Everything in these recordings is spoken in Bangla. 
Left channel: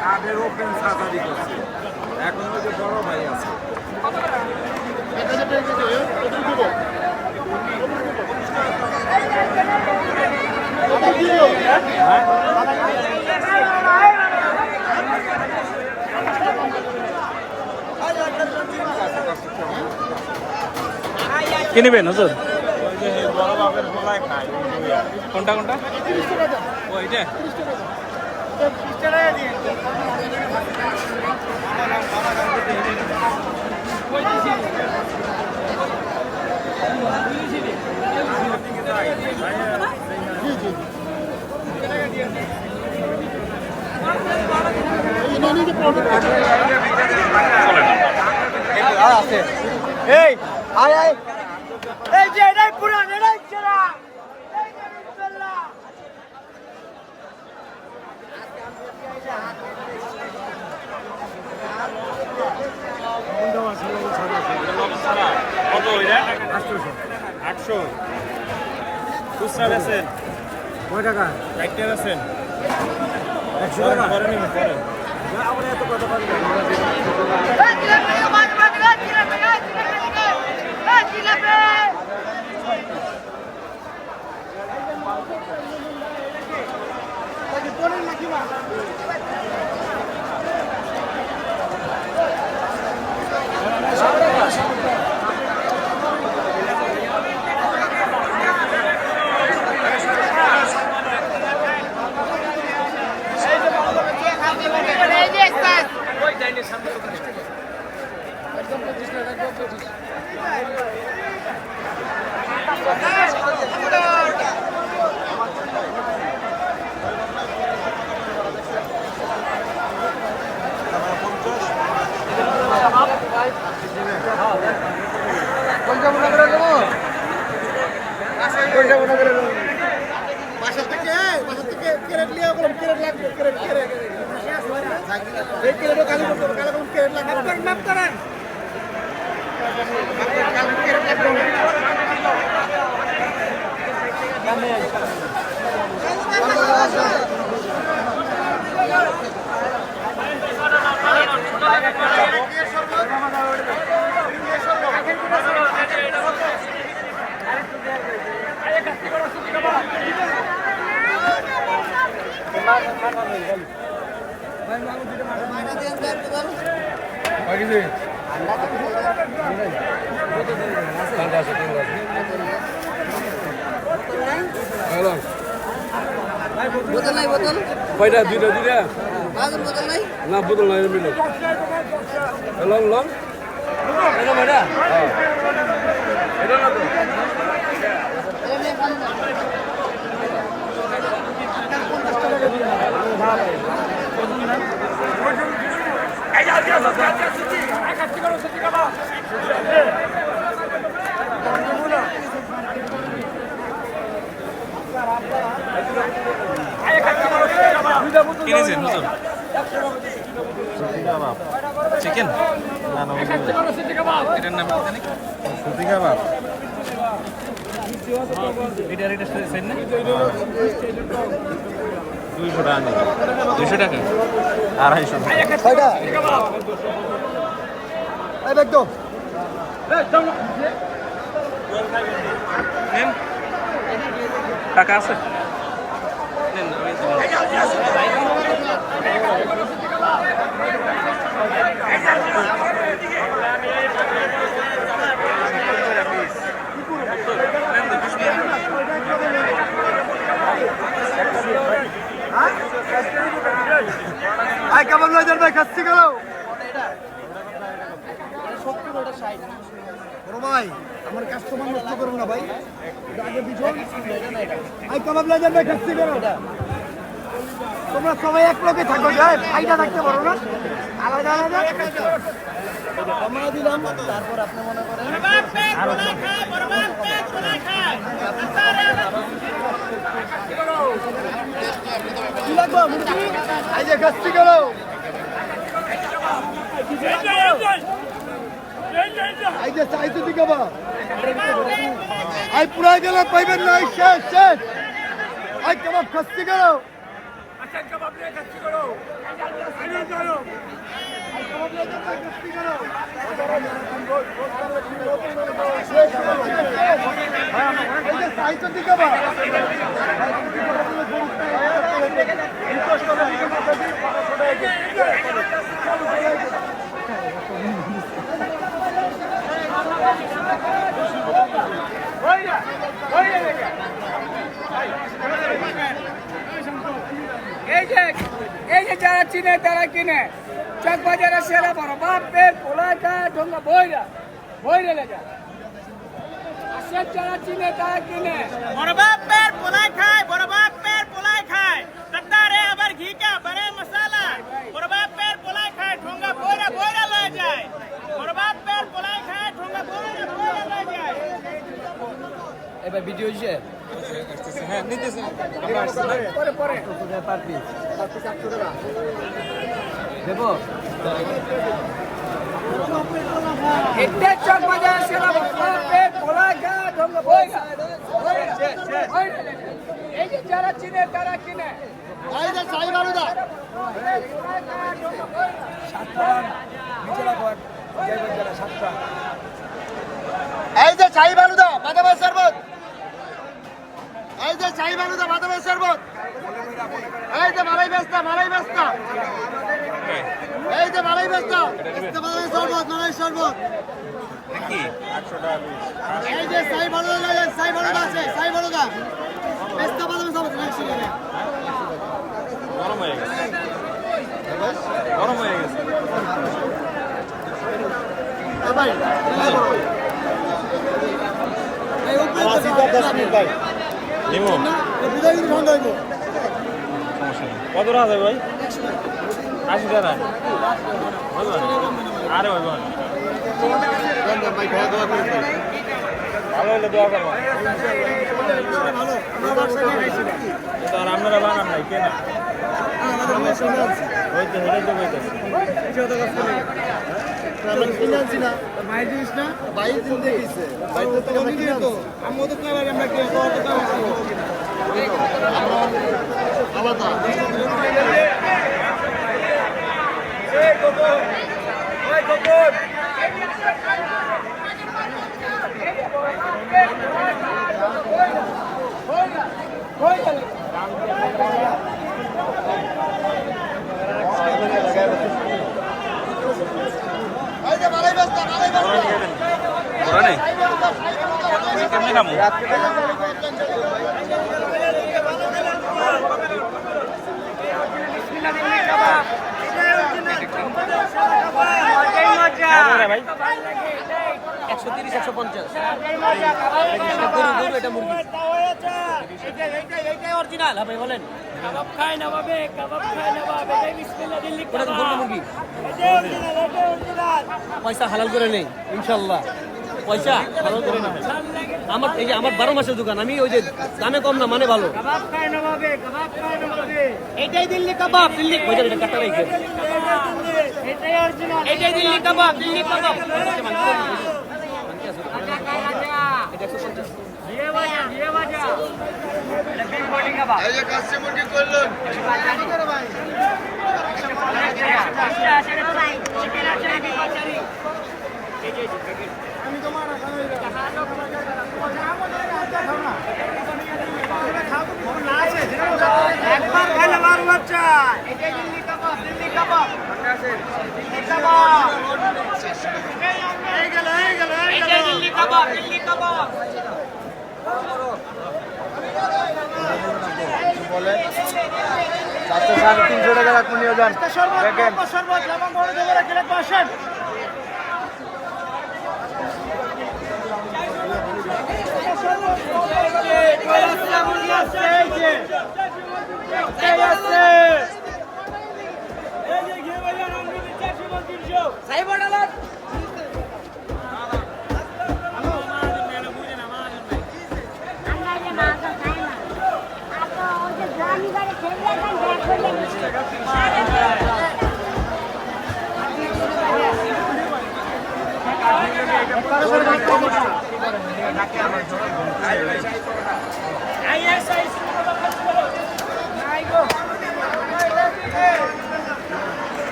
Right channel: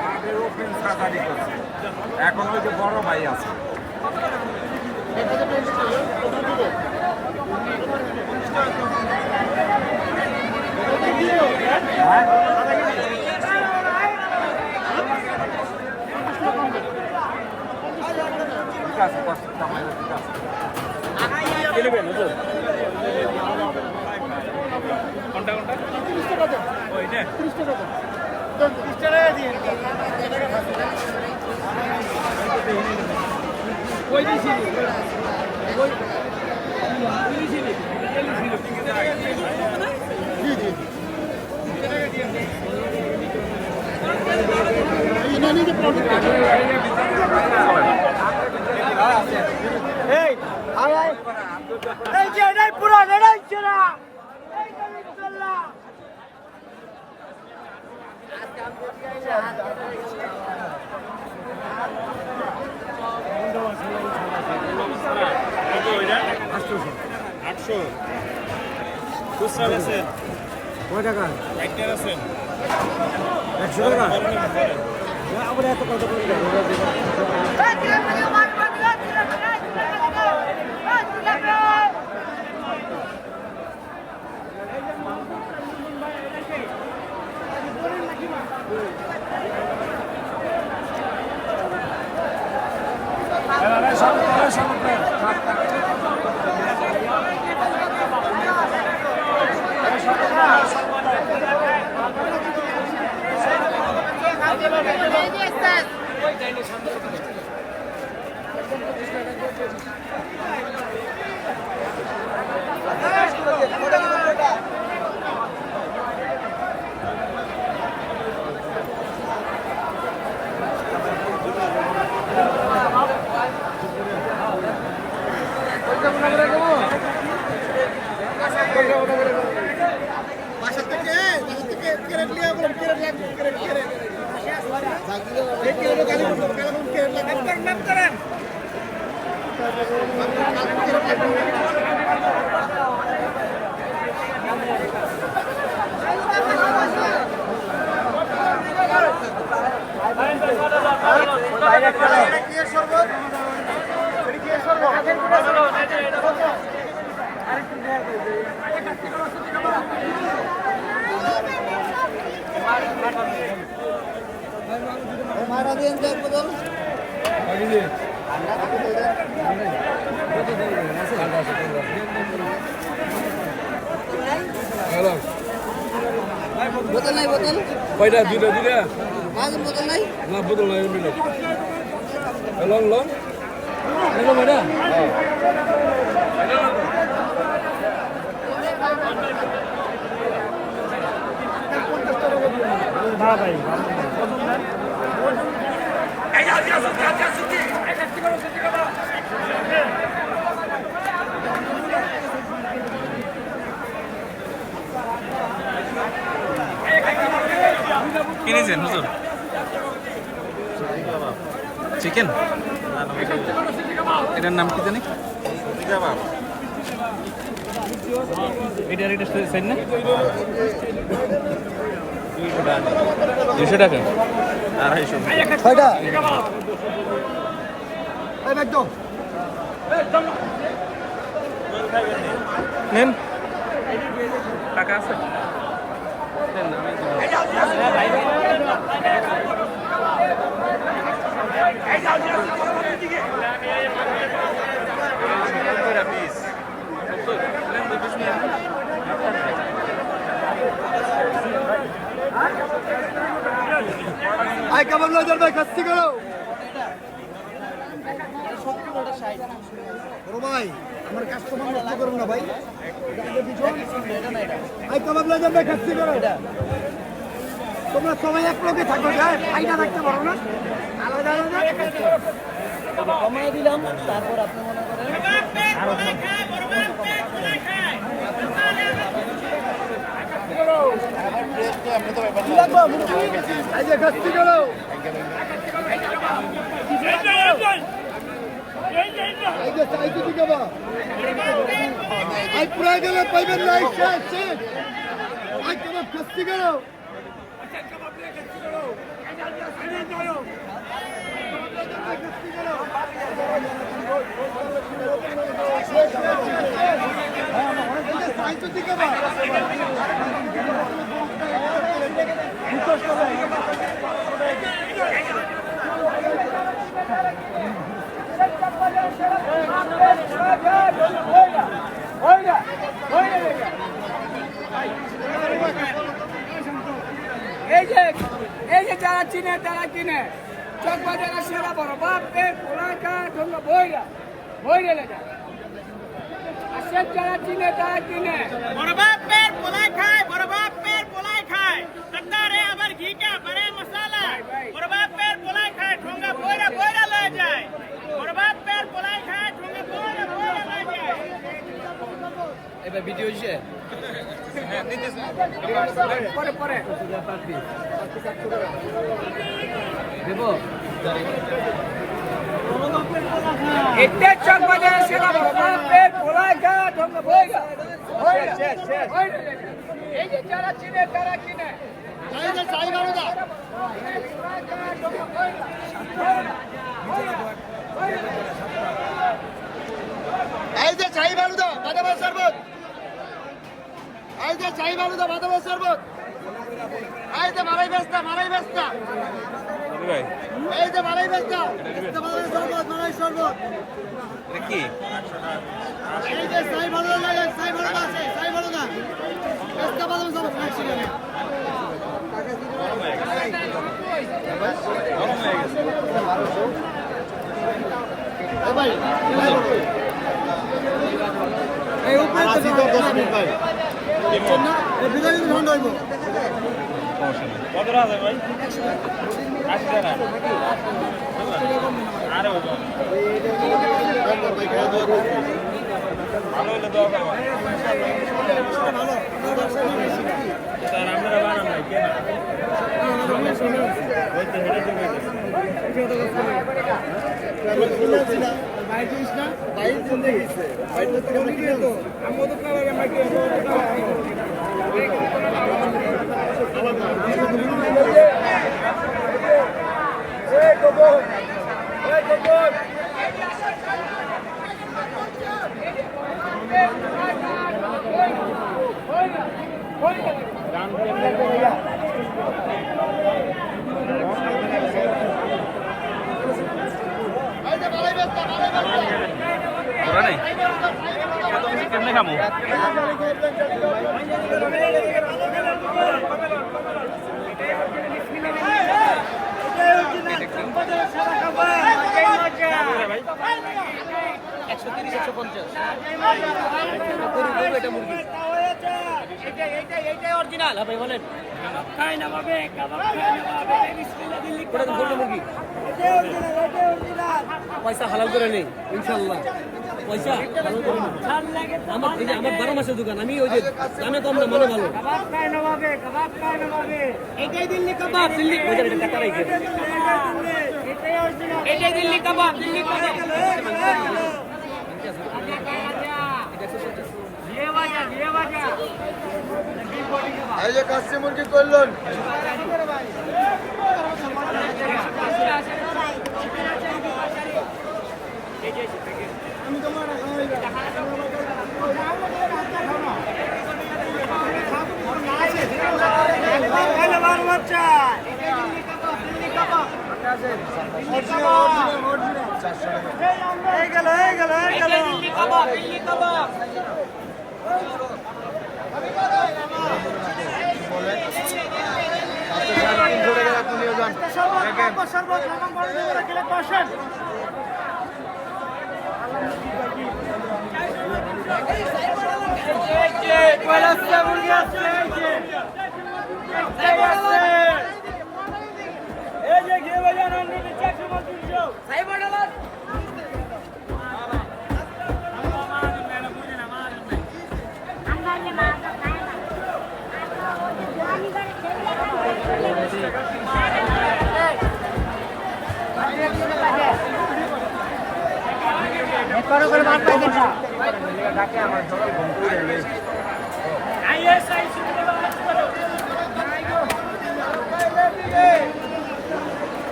কাঠের ওপেন সাজারি করছে এখন হচ্ছে বড় ভাই আছে কি নেবেন হুজুর কোনটা কোনটা 30 টাকা দাও ওইটা 30 টাকা দাও 30 টাকা দিয়ে ওই দিছি জি জি টাকা দিয়ে এই নানি যে প্রোডাক্ট চলেন আছে এই আয় আয় এই যে এটাই পুরান এটাই চোরা এই গাড়ি চলা কত ওইটা 800 খুচরা বেচেন কয় টাকা রাইটার আছেন 100 টাকা করে নিবেন করেন আমরা এত কত পারবো বোতল নাই বোতল কয়টা দুইটা দুইটা বাজার বোতল নাই না বোতল নাই মিলে লং লং কিনেছেন হুজুর চিকেন এটার নাম কি জানি এটার এটা সেন না 200 টাকা 250 নেন টাকা আছে নেন আমি দেবো আয় কেমন নয় ভাই কাছতে গেল ভাই আমার কাস্টমার নষ্ট করো না ভাই। ভাই কাবাব লাজার ভাই খাচ্ছি করো। তোমরা সবাই এক লোকে থাকো, যায় ফাইদা থাকতে পারো না, আলাদা আলাদা কমাই দিলাম। তারপর আপনি মনে করেন আরো কি লাগবে মুরগি? এই যে খাচ্ছি করো, কিছু লাগবে? এই যে চাইতে দিকে বা আই পুরা গেলে পাইবেন না। শেষ শেষ। আই কাবাব খাচ্ছি করো। আচ্ছা কাবাব নিয়ে খাচ্ছি করো। আইনে যাও। চাইতে দিকে বা এই যে যারা চিনে তারা কিনে চক বাজারে সেরা বড় বাপের পোলাকা ঢঙ্গা বইরা লেগে আসে যারা চিনে তারা কিনে বড় বাপের পোলাই খায়, বড় বাপের পোলাই খায়, কাটারে আবার ঘিটা বড়ে মশলা, বড় বাপের পোলাই খায়, ঠোঙ্গা বইরা লয়ে যায়, বড় বাপের পোলাই খায়, ঠোঙ্গা বইরা লয়ে যায়। এবার ভিডিও হইছে পরে পরে দেবো। এটা চক বাজারে সেরা বড় বাপের পোলাকা ঢঙ্গা বইরা এই যে যারা চিনে তারা কিনে এই যে চাই মারুদা, এই যে চাই বালুদা বাদামের শরবত, এই যে চাই বালুদা বাদামের শরবত, এই যে মালাই বেস্তা এই যে মালাই বেস্তা বাদামের শরবত, মালাই শরবত কি এই যে চাই বালুদা আছে, চাই বালুদা বেস্তা বাদামের শরবত রাখছি না। গরম হয়ে গেছে। ভাই আসি তো 10 মিনিট ভাই দেবো বিদায় ঠান্ডা হইব। সমস্যা নেই। কত টাকা দেবে ভাই? 80 টাকা। আরে ওই ভালো হলে দোয়া করবো। তার আপনারা বানান নাই কেনা হইতে হেরে তো পুরানে এত কিছু কেমনে খামো? কাবাব খায় নবাবে, কাবাব খায় নবাবে, এটাই বিসমিল্লাহ দিল্লি কাবাব। পয়সা হালাল করে নেই ইনশাল্লাহ, পয়সা হালাল করে নেই। আমার এই যে আমার 12 মাসের দোকান, আমি ওই যে দামে কম না মানে ভালো। কাবাব খায় নবাবে, কাবাব খায় নবাবে, এটাই দিল্লি কাবাব, দিল্লি ওই যে টাকা রাখে। এটাই অরিজিনাল, এটাই দিল্লি কাবাব, দিল্লি কাবাব। বিয়ে বাজা এটা বিগ বডি কাবাব। এই যে কাচ্চি মুরগি করলেন একবার খাইলে বার বাচ্চা। এটাই দিল্লি কাবাব, দিল্লি কাবাব। এটাই দিল্লি কাবাব, দিল্লি কাবাব। 350 টাকা আপনি নিয়ে যান। দেখেন ডাকে আমার সকাল ঘুম করে গেছে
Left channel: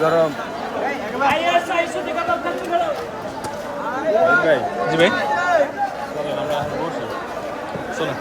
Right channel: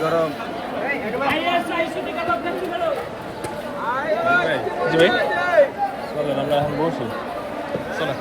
গরম ভাই জি ভাই চলেন আমরা এখন বসি চলো